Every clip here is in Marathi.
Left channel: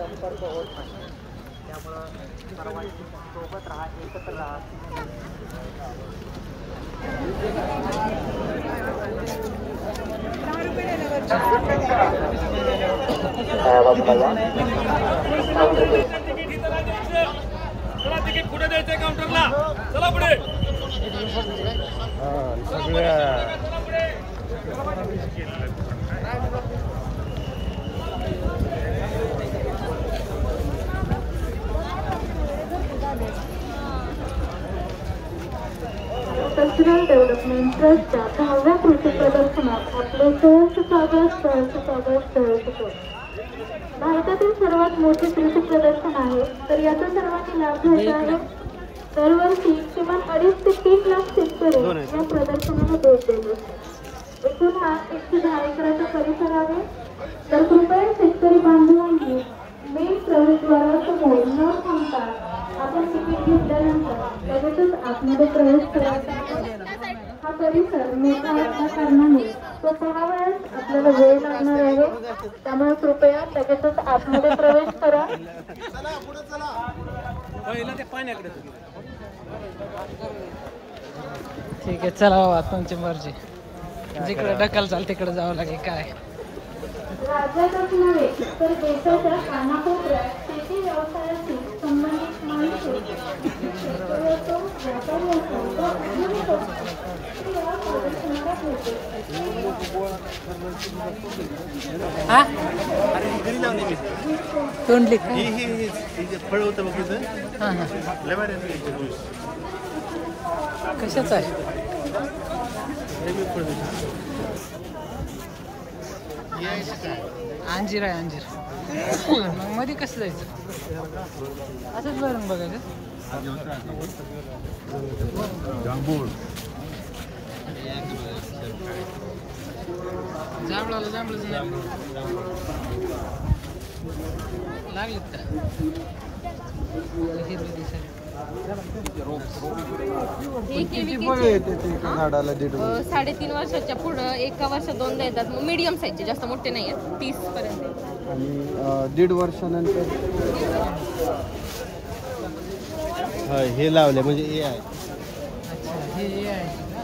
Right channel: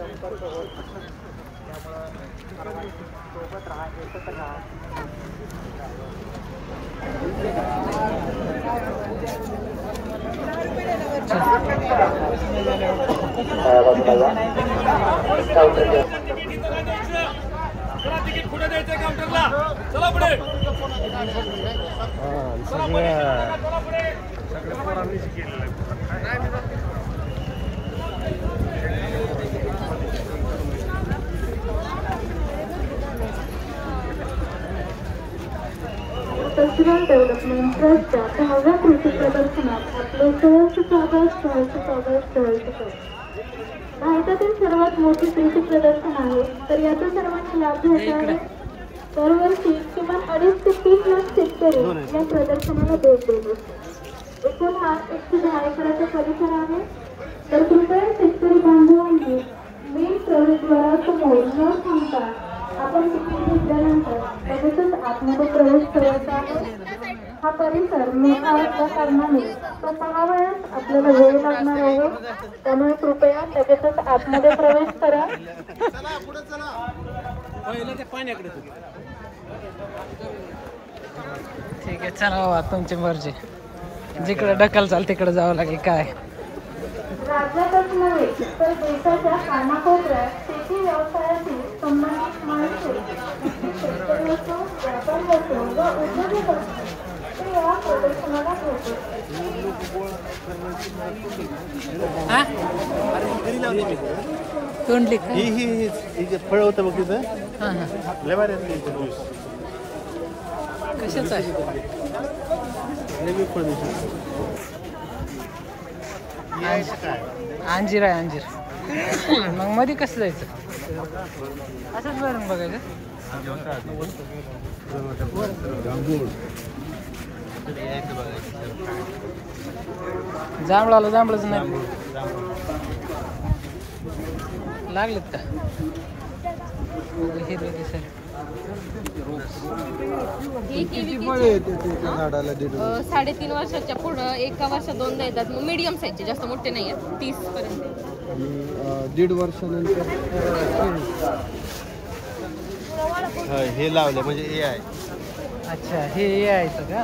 संपर्क होत नाही. त्यामुळं सर्वांनी सोबत राहा, एकत्र राहा. चला तिकीट पुढे द्यायचंय काउंटरला. चला पुढे. कल्चरल डेव्हलपमेंट ट्रस्टच्या 10व्या कृषी प्रदर्शनात आपले सहर्ष स्वागत. भारतातील सर्वात मोठे कृषी प्रदर्शन आहे, तर याचा सर्वांनी लाभ घ्यायचा आहे. दरवर्षी किमान 2.5 ते 3 लाख शेतकरी या प्रदर्शनाला भेट देत असतात. एकूण हा 110 एकराचा परिसर आहे. तर कृपया शेतकरी बांधवांनी मेन प्रवेशद्वारासमोर न थांबता आपण तिकीट घेतल्यानंतर लगेचच आतमध्ये प्रवेश करायचा. हा परिसर मोठा असल्या कारणाने तो पहावयास आपल्याला वेळ लागणार आहे. त्यामुळे कृपया लगेचच आतमध्ये प्रवेश करा. ठीक आहे, चला बाबा तुमची मर्जी. जिकडे ढकल चाल तिकडे जावं लागेल. काय राज्यातच नव्हे तर देशाच्या कानाकोपऱ्यात शेती व्यवसायाशी संबंधित माणसे, व्यापारी असो वा उद्योग असो ते या प्रदर्शनाला तोंडली फळ होतं बघ तिथं. हां हां, कशाच आहे? अंजीर आहे, अंजीर. मग मध्ये कसं जायचं? असंच बरं बघायचं. जांभळाला जांभळच नाही लागलेत का? हिरवे दिसाय. झाडाला 3.5 वर्षाच्या पुढं 1 वर्षात 2दा येतात. मग मीडियम साईजचे, जास्त मोठे नाही आहेत, 30 पर्यंत. आणि 1.5 वर्षानंतर हे लावले म्हणजे हे आहे. अच्छा, हे यायचं का?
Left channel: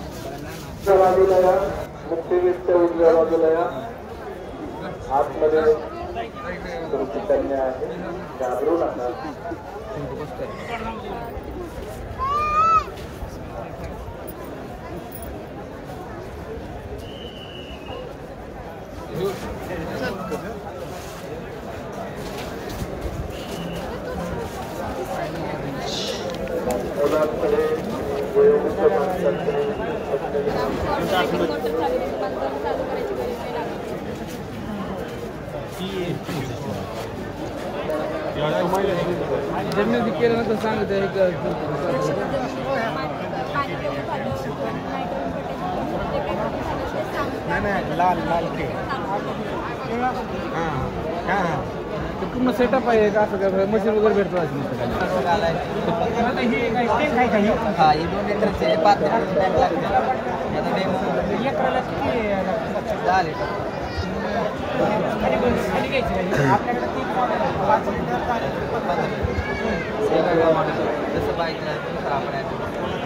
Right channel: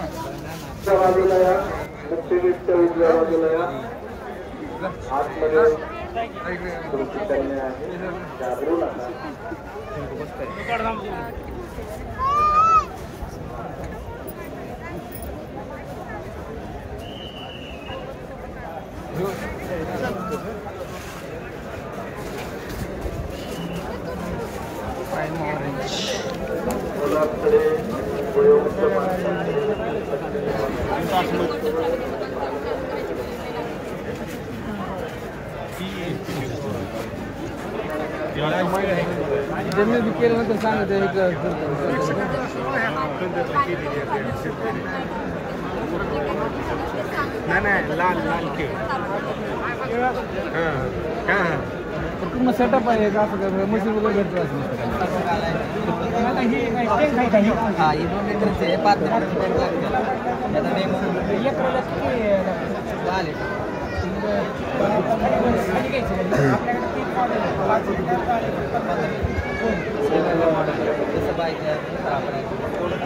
ज्यांनी केलं तर सांगते नाही लाल लाल तर पूर्ण सेटअप आहे का? असं काय मशीन वगैरे भेटतो असं? हा, हे 2 लिटरचे 5 लिटरचे टँक लागते. याचा डेमो 10 लिटर. आपल्याकडे 3 मॉडेल आहे, 5 लिटर, 15 लिटर मॉडेल. जसं पाहिजे तसं आपण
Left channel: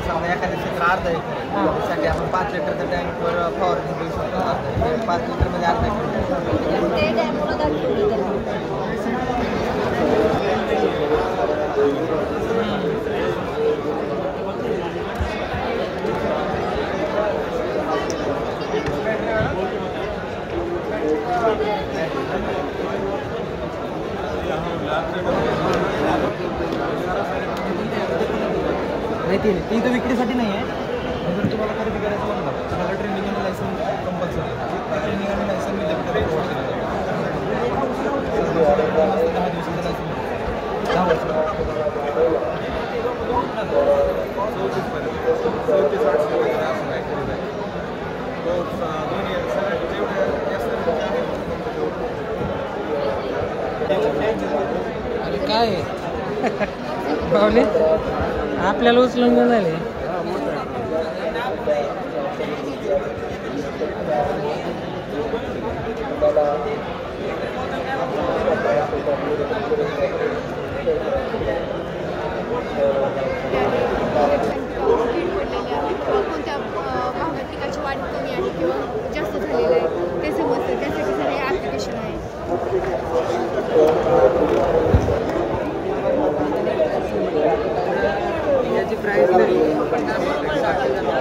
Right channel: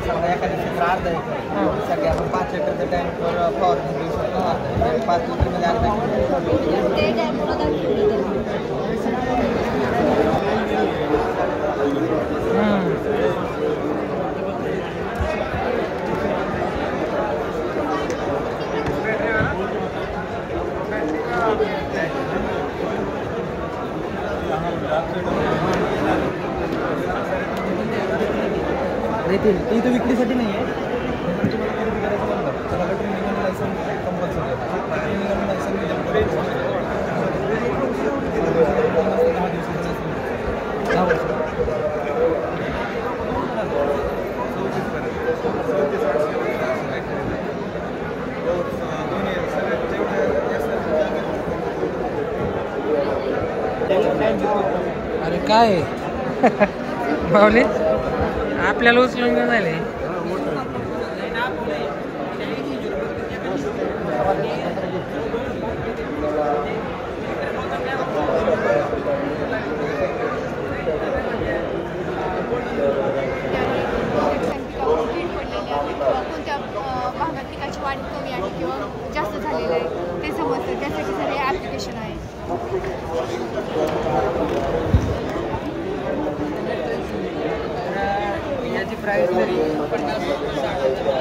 समजा एखाद्या क्षेत्र अर्धा एकर त्यासाठी आपण 5 लिटरच्या टँकवर फवारणी देऊ शकतो. 5 लिटरमध्ये अर्धा ती तर विक्रीसाठी नाही आहे. तुम्हाला खरेदी करायचं म्हणलं त्याला ट्रेनिंग आणि लायसन्स कंपल्सरी आहे. ट्रेनिंग आणि लायसन्स विद्यापीठाला प्रोव्हाइड केलं जातं. 10 दिवसाचं लायसन्स 10 वर्ष. अरे काय पाहुणे आपल्याला उचलून घेऊन आले. कोणत्या भागात पिकाची वाढ कमी आहे किंवा जास्त झालेलं आहे ते समजतं. त्यासाठी सर हे ॲप्लिकेशन आहे. याची प्राईस जरी 50-60,000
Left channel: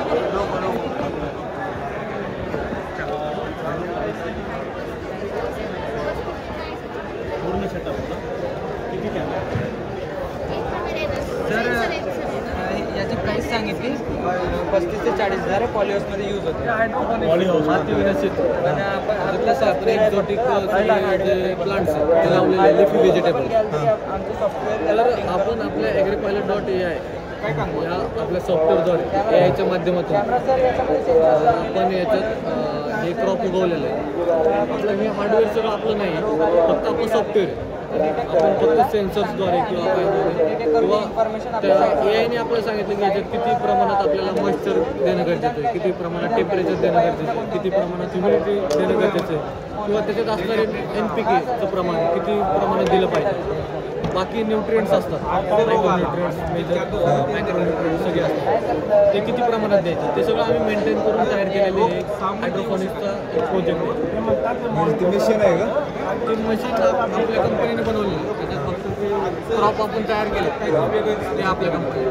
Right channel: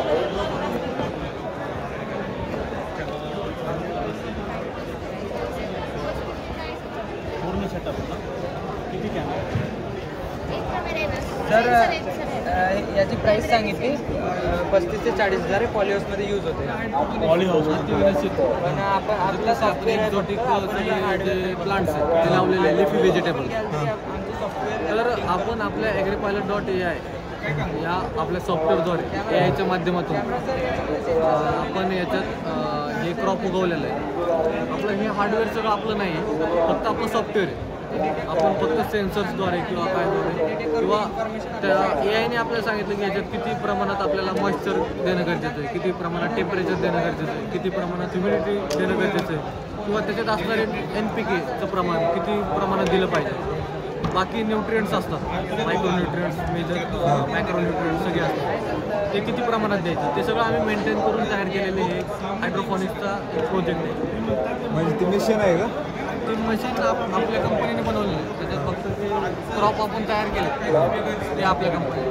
तर याची प्राईस सांगितली 35 ते 40,000 आहे. पॉलिहाऊसमध्ये यूज होते. पण आपण आपलं सॉफ्टवेअर एक्झॉटिक जे प्लांट्स आहेत ते लावलेले लिफी व्हेजिटेबल. तर आपण आपल्या ॲग्रीपायलट.ai या आपल्या सॉफ्टवेअरद्वारे AIच्या माध्यमातून आपण याच्यात हे क्रॉप उगवलेलं आहे. आपलं हे हार्डवेअर सगळं आपलं नाही आहे, फक्त आपलं सॉफ्टवेअर आहे. आपण फक्त सेन्सर्सद्वारे किंवा काय किंवा त्या AIने आपल्याला सांगितलं की याच्यात किती प्रमाणात आपल्याला मॉइश्चर देणं गरजेचं आहे, किती प्रमाणात टेम्परेचर देणं गरजेचं आहे, किती प्रमाणात ह्युमिडिटी देणं गरजेचं आहे, किंवा त्याच्यात असणारे NPKचं प्रमाण किती प्रमाणात दिलं पाहिजे. बाकी न्यूट्रिएंट्स असतात, मायक्रोन्यूट्रिएंट्स, मेजर मायक्रोन्यूट्रिएंट्स सगळे असतात, ते किती प्रमाणात द्यायचे ते सगळं आम्ही मेंटेन करून तयार केलेले एक हायड्रोफोनिक्सचा एक प्रोजेक्ट आहे. ते मशीन आहे का? ते मशीन आपल्या कंपनीने बनवलेलं आहे. त्याच्यात फक्त ते क्रॉप आपण तयार केले ते आपल्या कंपनीने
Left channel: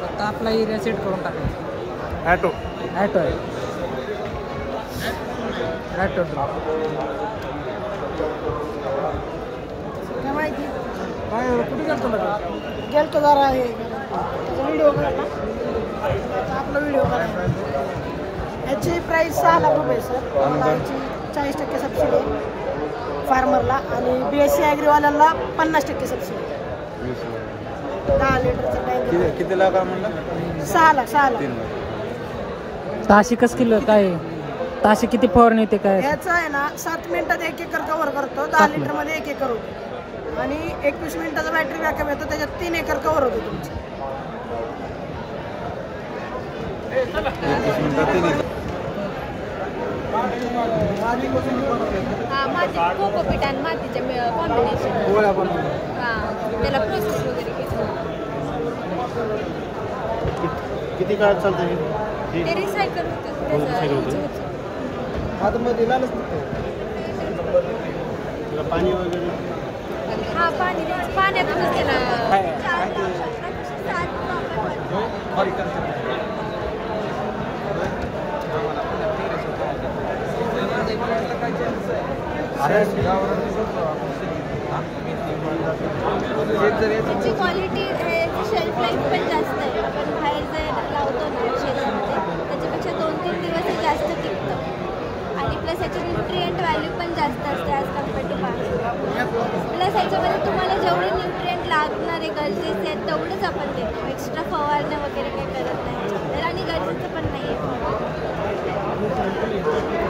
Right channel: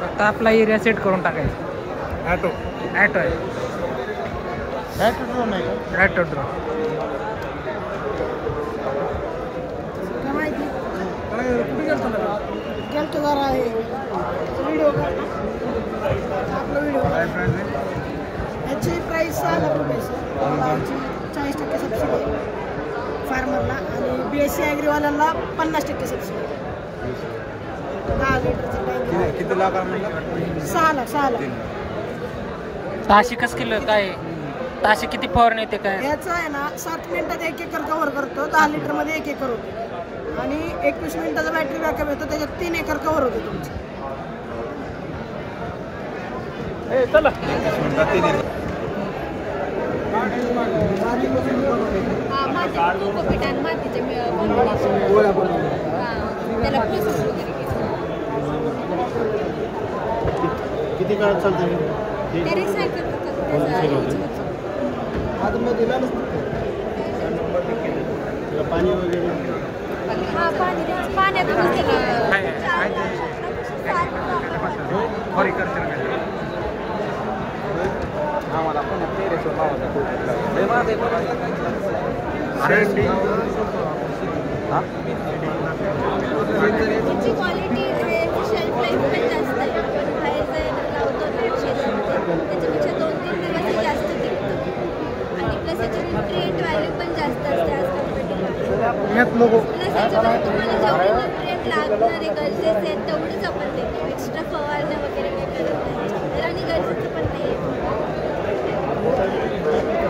फक्त आपला एरिया सेट करून टाकायचा. ॲटो आहे. Auto draw. गेलतो जरा आहे व्हिडिओ आपला व्हिडिओ याची प्राईस 6 लाख रुपये सर. याची 40% सबसिडी फार्मरला आणि BSc ॲग्रीवाल्याला 50% सबसिडी. 10 लिटरचं टँक. किती लाख? 6 लाख. 600 कसं किलो काय? 600 किती फवारणी येते काय? याचं आहे ना 7 मिनिटात 1 एकर कव्हर करतो. 10 लिटरमध्ये 1 एकर होतो आणि 21 मिनिटाचा बॅटरी बॅकअप येतो. त्याच्यात 3 एकर कव्हर होतो तुमचं. माती कोकोपीट आणि मातीचे कॉम्बिनेशन. त्याला प्रोसेस वगैरे किती काळ चालतं ते रिसायकल पाणी वगैरे? हा पाण्यातूनच त्याला त्याची क्वालिटी शेल्फ लाईफ पण जास्त आहे. पण बाहेर जर लावतो ना शेतामध्ये त्याच्यापेक्षा 2-3 दिवस जास्त टिकतं आणि प्लस याची न्यूट्रिएंट व्हॅल्यू पण जास्त असते ॲज कम्पेअर टू बाहेर. प्लस याच्यामध्ये तुम्हाला जेवढे न्यूट्रिएंट लागणारे गरजेचे आहेत तेवढंच आपण देतो. एक्स्ट्रा फवारण्या वगैरे काही करत नाही आणि गरजेचं पण नाही आहे.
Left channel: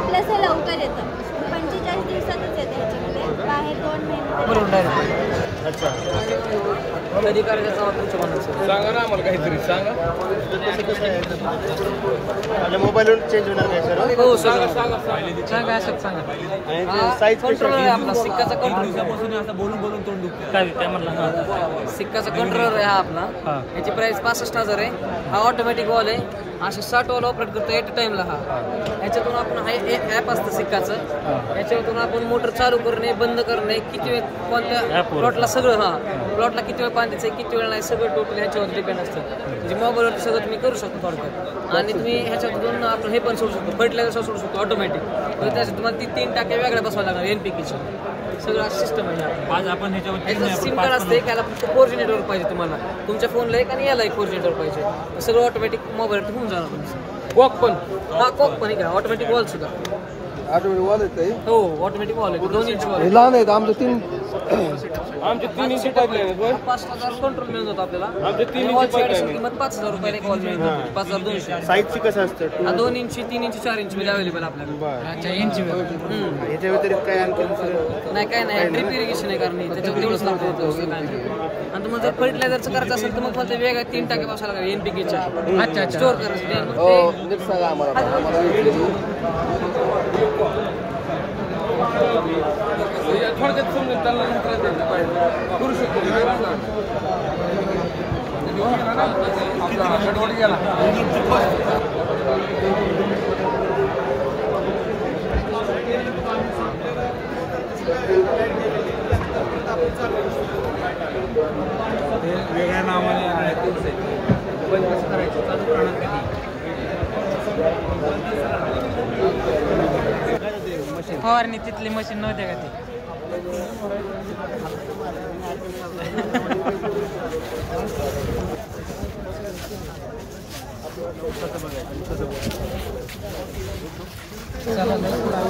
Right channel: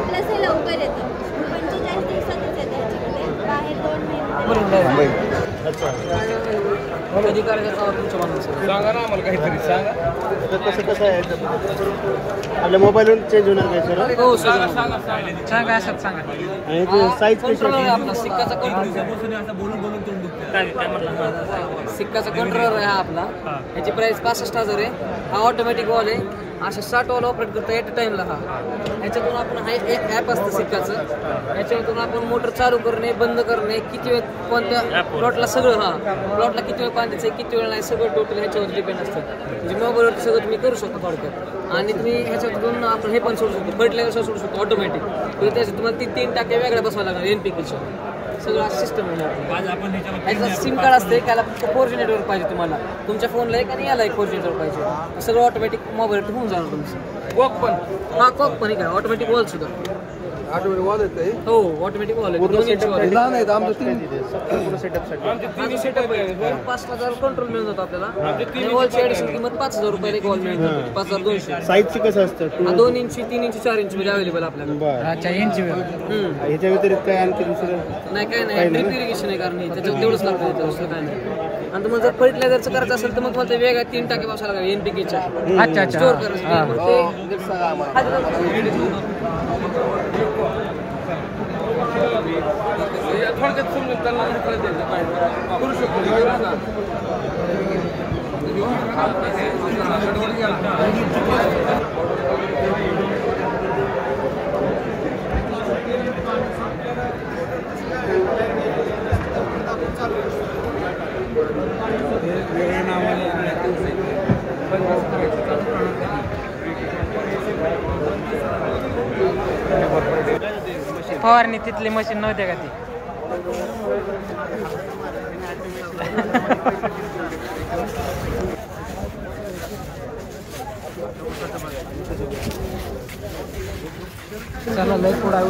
प्लस हे लवकर येतं. 45 दिवसातच येतं ह्याच्यामध्ये. बाहेर 2 महिने. कधी करायचं तुमच्या मनात सांगा ना आम्हाला काहीतरी सांगा. आपल्या मोबाईलवर चेंज होणार काय सर? हो सगळं सांगा. असं सांगा. साईज कंट्रोलर आहे आपला सिक्काचा कंट्रोल. सिक्काचा कंट्रोलर आहे हा आपला. याची प्राइस 65,000 आहे. हा ऑटोमॅटिक वॉल आहे. असे 60 वॉल ऑपरेट करतो एट टाइमला. हा याच्यातून आपण हा एक ॲप असतं सिक्काचं. याच्यातून आपण मोटर चालू करणे बंद करणे किती वेळ कोणत्या प्लॉटला सगळं प्लॉटला किती वेळ पाणी द्यायचं किती वेळ नाही सगळं टोटल ह्याच्यावर डिपेंड असतं. म्हणजे मोबाईलवरती सगळं तुम्ही करू शकता थोडक्यात. आणि तुम्ही ह्याच्यातून आपण हे पण सोडू शकतो फर्टिलायझर सोडू शकतो ऑटोमॅटिक. तर त्यासाठी तुम्हाला 3 टाक्या वेगळ्या बसवायला लागणार NPKच्या. सगळं सिस्टम आहे. ह्याचं सिम कार्ड असते त्याला 4G नेटवर्क पाहिजे तुम्हाला. तुमच्या फोनला एक आणि याला एक 4G नेटवर्क पाहिजे. सगळं ऑटोमॅटिक मोबाईल होऊन जाणार तुमचं. कोक पण हा कोक पण काय ऑटोमॅटिक वॉल सुद्धा. हो ऑटोमॅटिक वॉल आहे 2 इंची वॉल लहान आहेत आमचं 3 आमचे 3 इंची पाईपलाईन आहे. 5,000 कंट्रोल मिळून जातो आपल्याला आमचे 3 वॉलची ॲडिशनल किंमत 5,000 रुपयाला एक वॉल मिळून जातो 5,200. साईजची कसं असतं हा 2 इंची 3 इंची 4 इंची मध्ये अवेलेबल आपल्याकडे. बरं अच्छा इंची याच्या व्यतिरिक्त काय आणखी दुसरं नाही काय नाही ड्रिप इरिगेशन आहे कारण त्याच्यात तेवढंच लागतं दुसरं काय नाही. आणि तुम्हाला जर फर्टिलायझरचं करायचं असेल तर मग तुम्हाला ते वेगळ्या 3 टाके बसायला लागेल NPK-च्या. अच्छा अच्छा स्टोअर करायचं मग ते थोडक्यात समजून त्यांना करू फवारणी तिथली मशीन नव्हते का ती चला लय पुढे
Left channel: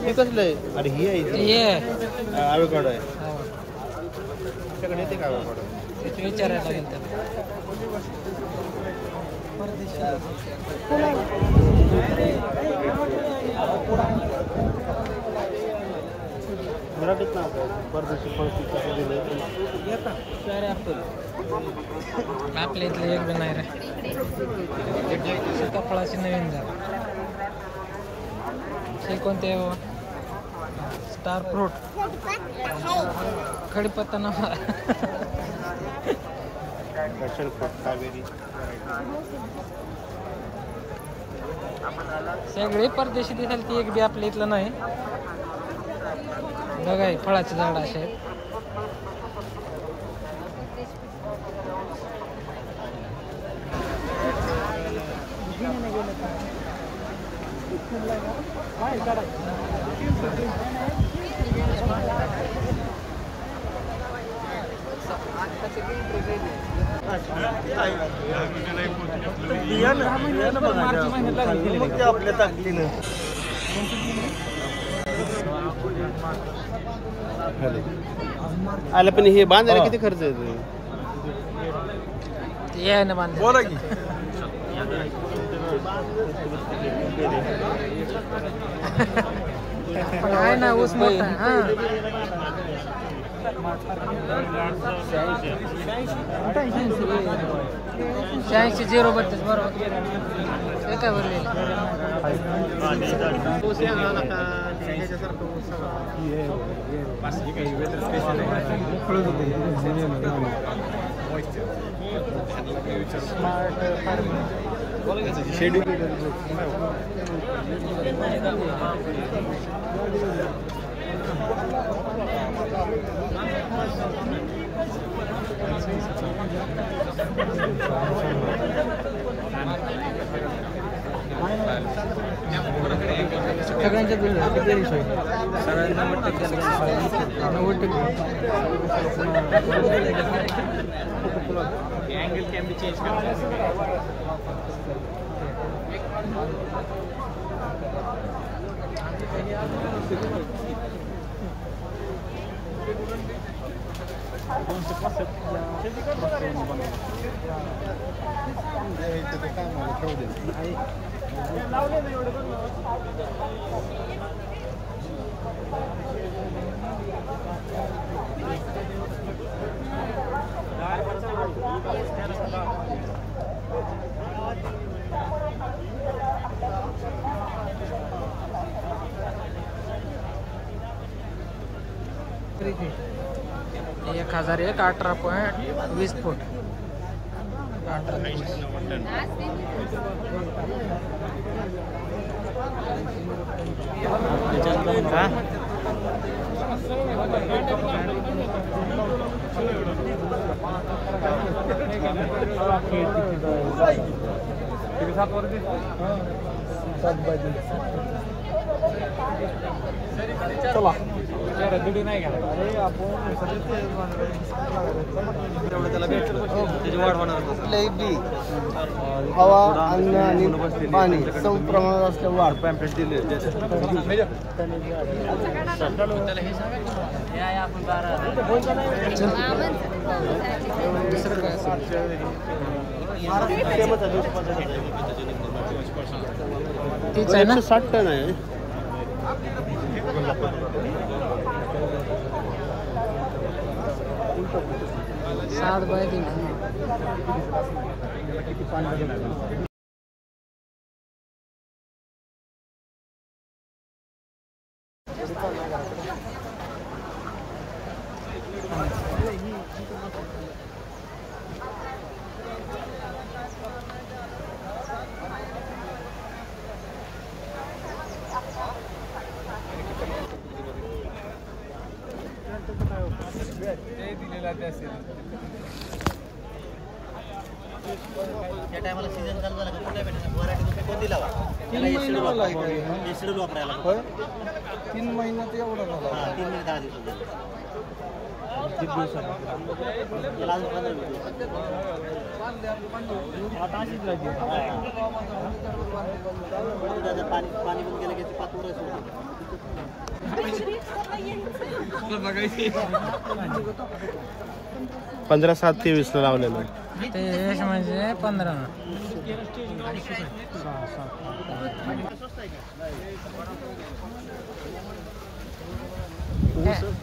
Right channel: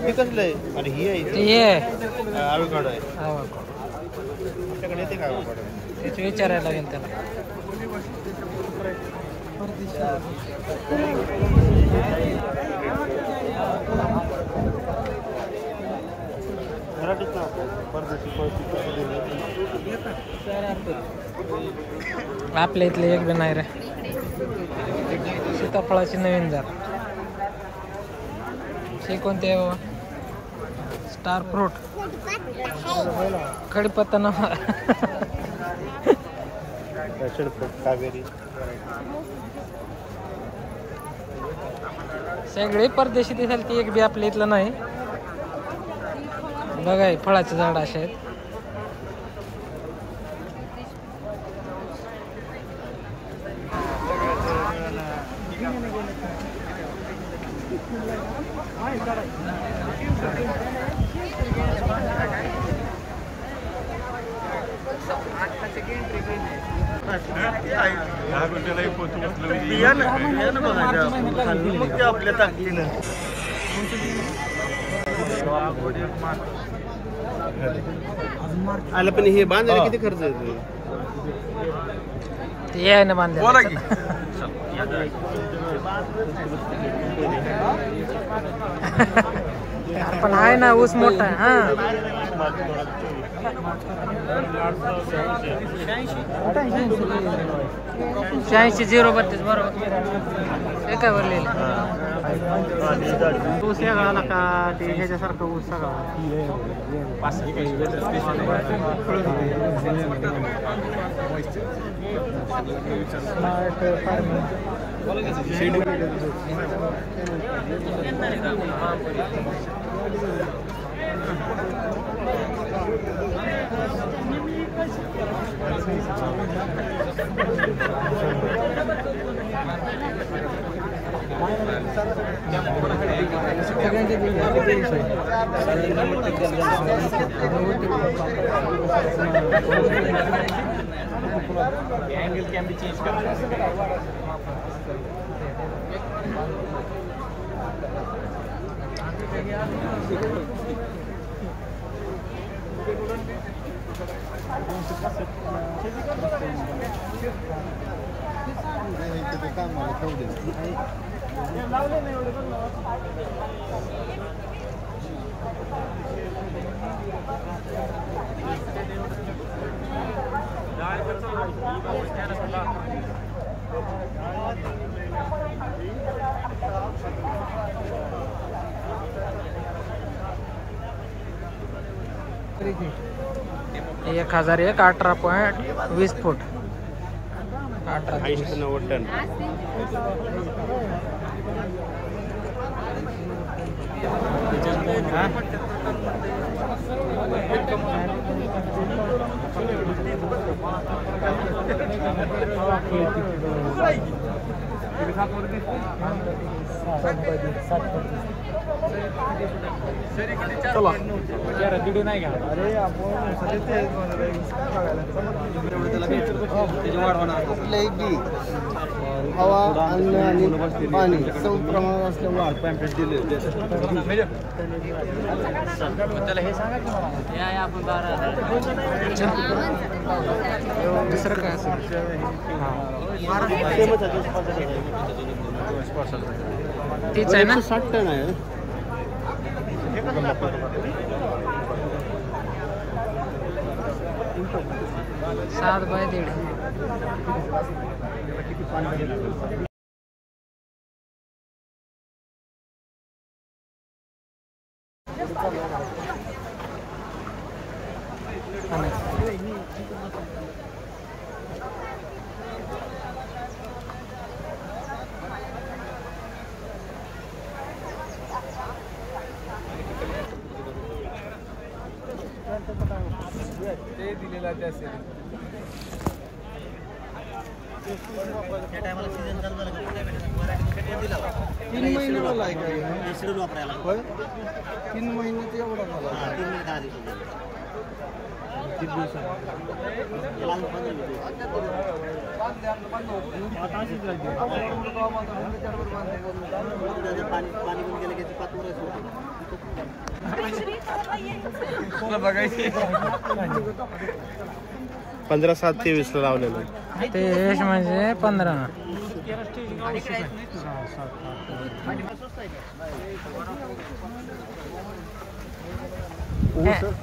हे कसलं आहे अरे ही आहे ये आळूकाडा आहे तुमच्याकडे येते का आळूकाडा विचारायला लागेल त्याला आपल्या इथले एक बी नाही रे सीताफळाची नवीन जात हे कोणते स्टार फ्रूट कडीपत्ता नवा कावेरी सगळे परदेशी दिसाल ती एक बी आपल्या इथलं नाही बघा हे फळाचे झाड असे आहेत आलं पण हे बांधायला किती खर्च येतो ते आहे ना बांधले पण आहे ना ऊस मोठा हा 86-032 बरोबर ते काय बोलले एक 1001 18.20 फूट 18 चला हवा अन्न आणि पाणी सम प्रमाणात असल्यामुळे वाढ पॅम्पलेट दिले दुसरं काय असेल तेच आहे ना 60 टन आहे 7 बाय 1.5 3 महिन्यात एवढा झाला 3 दिवसात बघायची 15/7/23 ला लावलेलं ते यश म्हणजे 15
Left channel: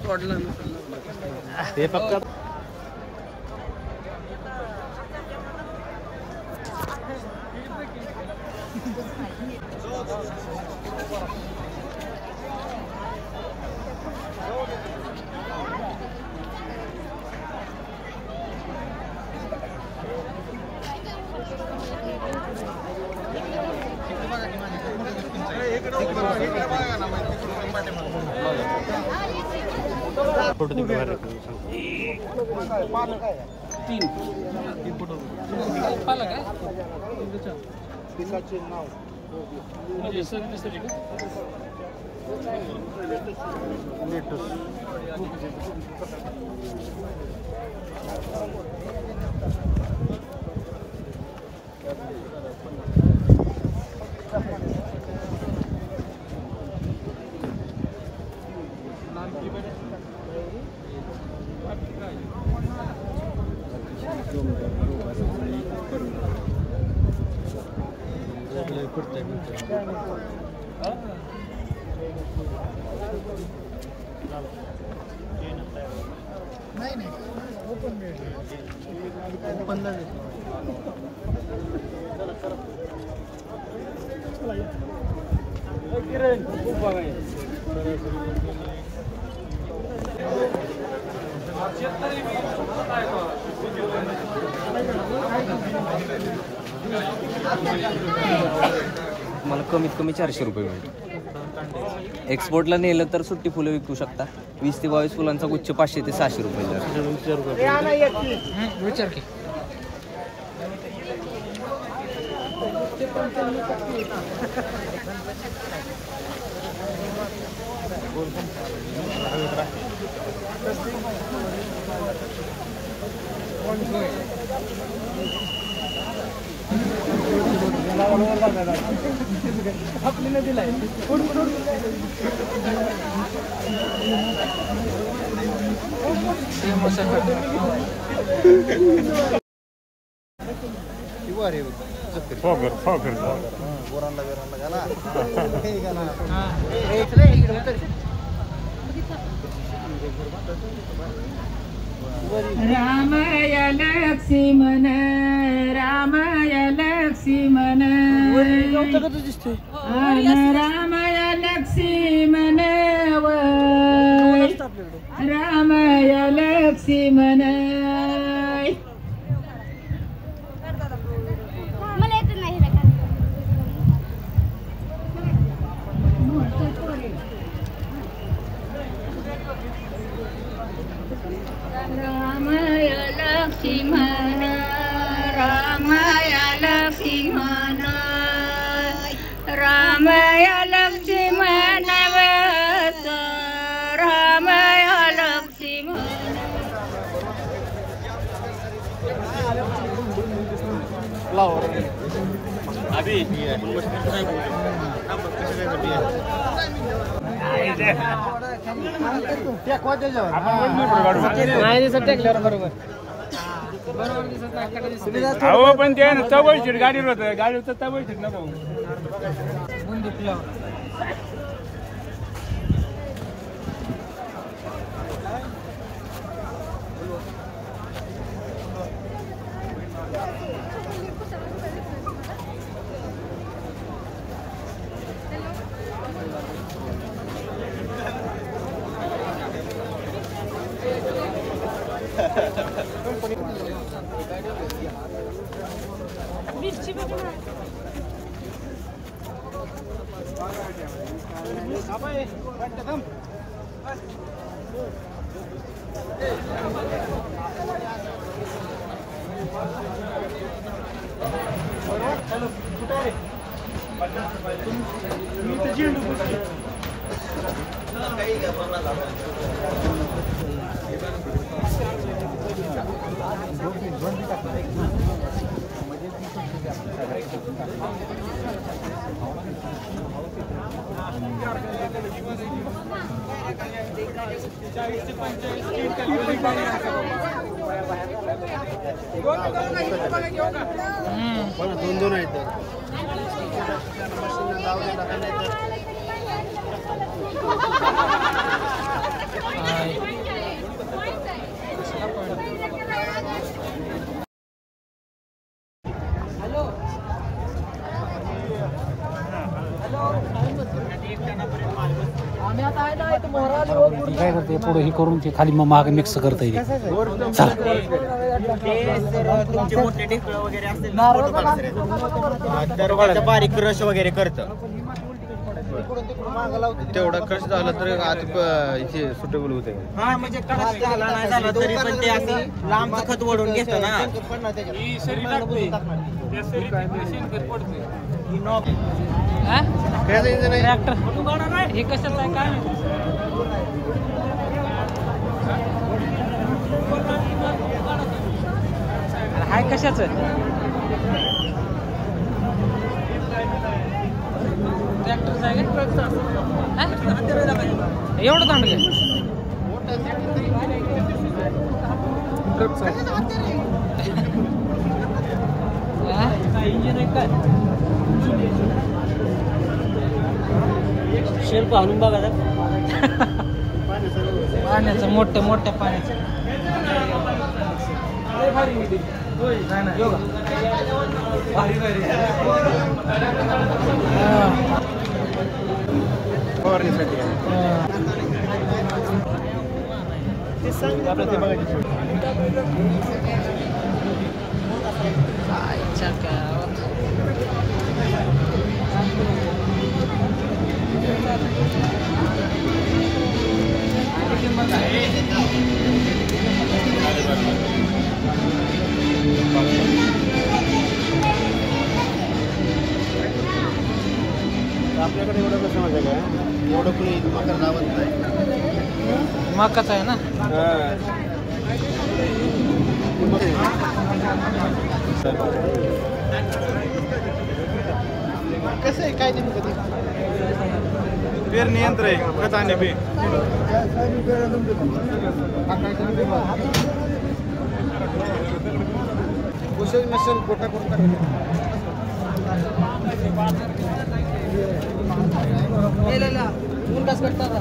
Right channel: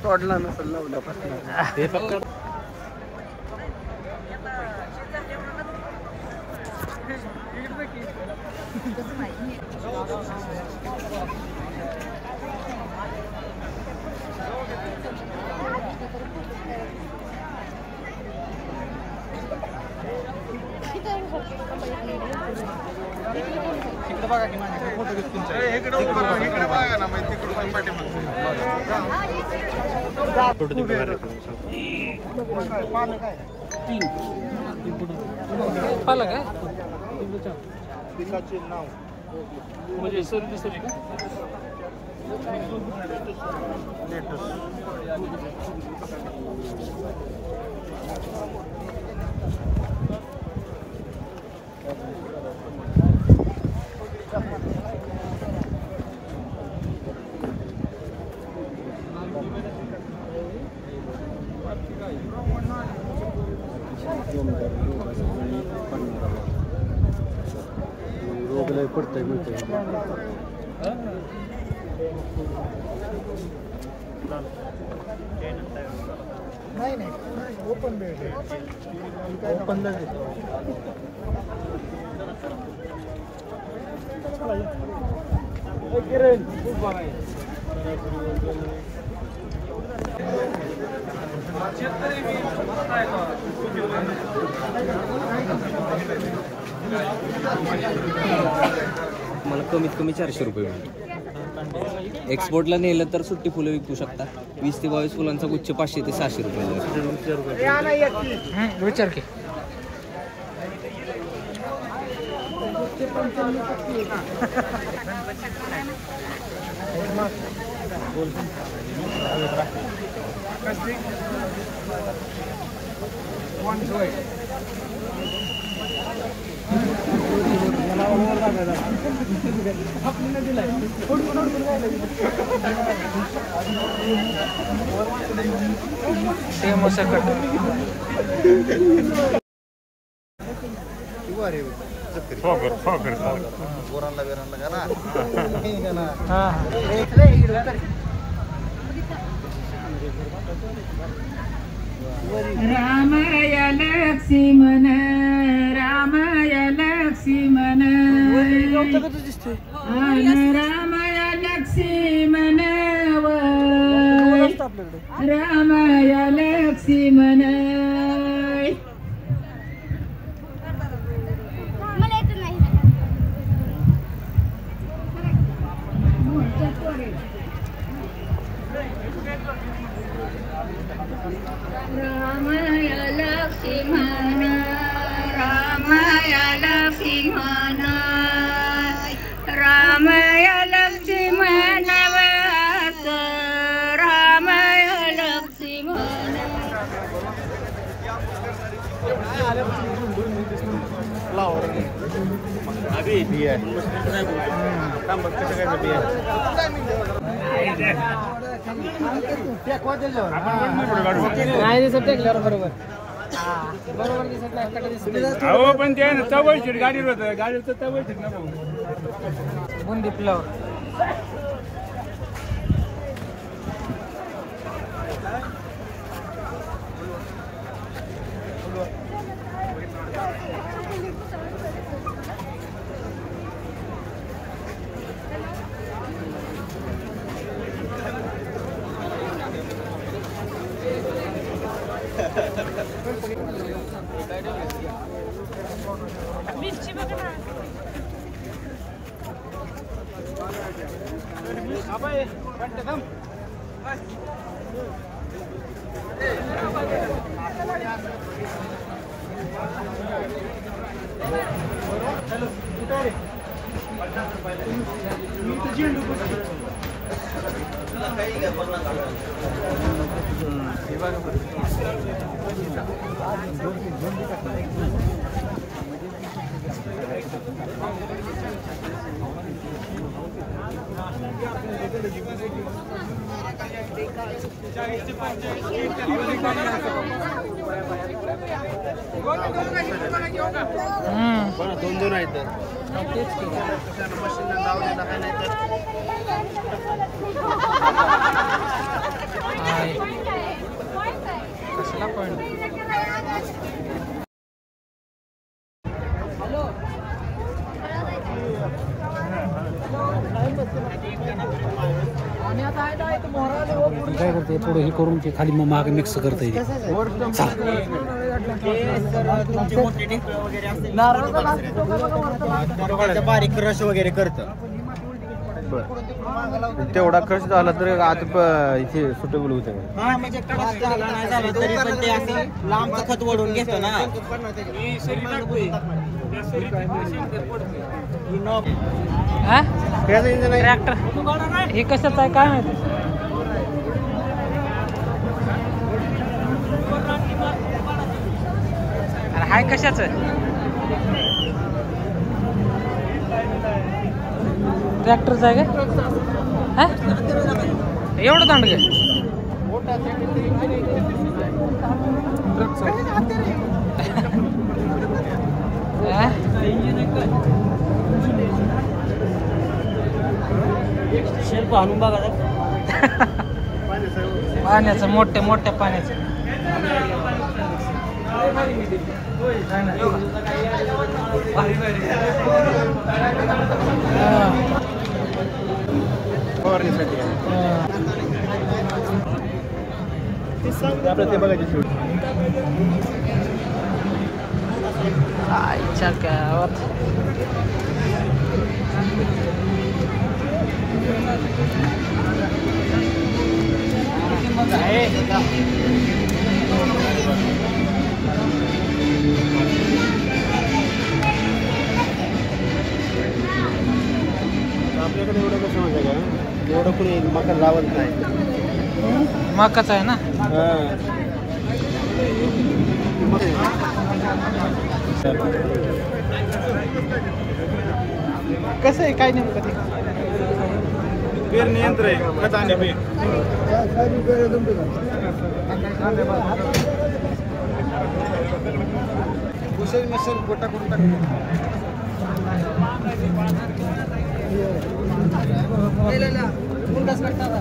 तोडला नसेल लावल्यापासून हे फक्त पालक आहे म्हणजे सर दिसते का मला कमीत कमी 400 रुपये मिळेल. एक्सपोर्टला नेलं तर सुट्टी फुलं विकू शकता. 20 ते 22 फुलांचा गुच्छ 500 ते 600 रुपये. विचार की रामया लक्ष्मण रामया लक्ष्मण रामया लक्ष्मण रामया लक्ष्मण रामया लक्ष्मण रामया लक्ष्मण नाही दिसत टेकल्यावर बरोबर बरोबर दिसत नाही कडे दिसत अहो पण ते तवळ सीट गाडीवर होतं गाडीवर तवळ सीट ना भाऊ बुंदी फ्लावर मिरची बघा ना. दोन आहेत मशीन लावलेला आहे नाही तर कसला पण हॅलो काय करते पुढे हे करून ते खाली मग मागे मिक्स करता येते बारीक क्रश वगैरे करतं तेवढा क्रश झाला तर आत इथे सुटेबल होते हा म्हणजे क्रश झाला नाही झाला तरी पण ते असं लांबचं खत ओढून घेतं ना ट्रॅक्टर हे कशाचं आहे काय माहिती हाय कशाचं ट्रॅक्टरचं आहे का एवढं दांड काय शेल्फ आणून बघा पाण्याचं मोठ्या मोठ्या पाण्याचं आईच्या गावात आपल्याकडे एवढं कसं म्हणजे काय एवढं कोणी मका लावत नाही मकाच आहे ना कसं आहे काय नाही पेरणी यंत्र आहे खत आणि बी नसेल गोटा करून गेलेला मुंडास करतात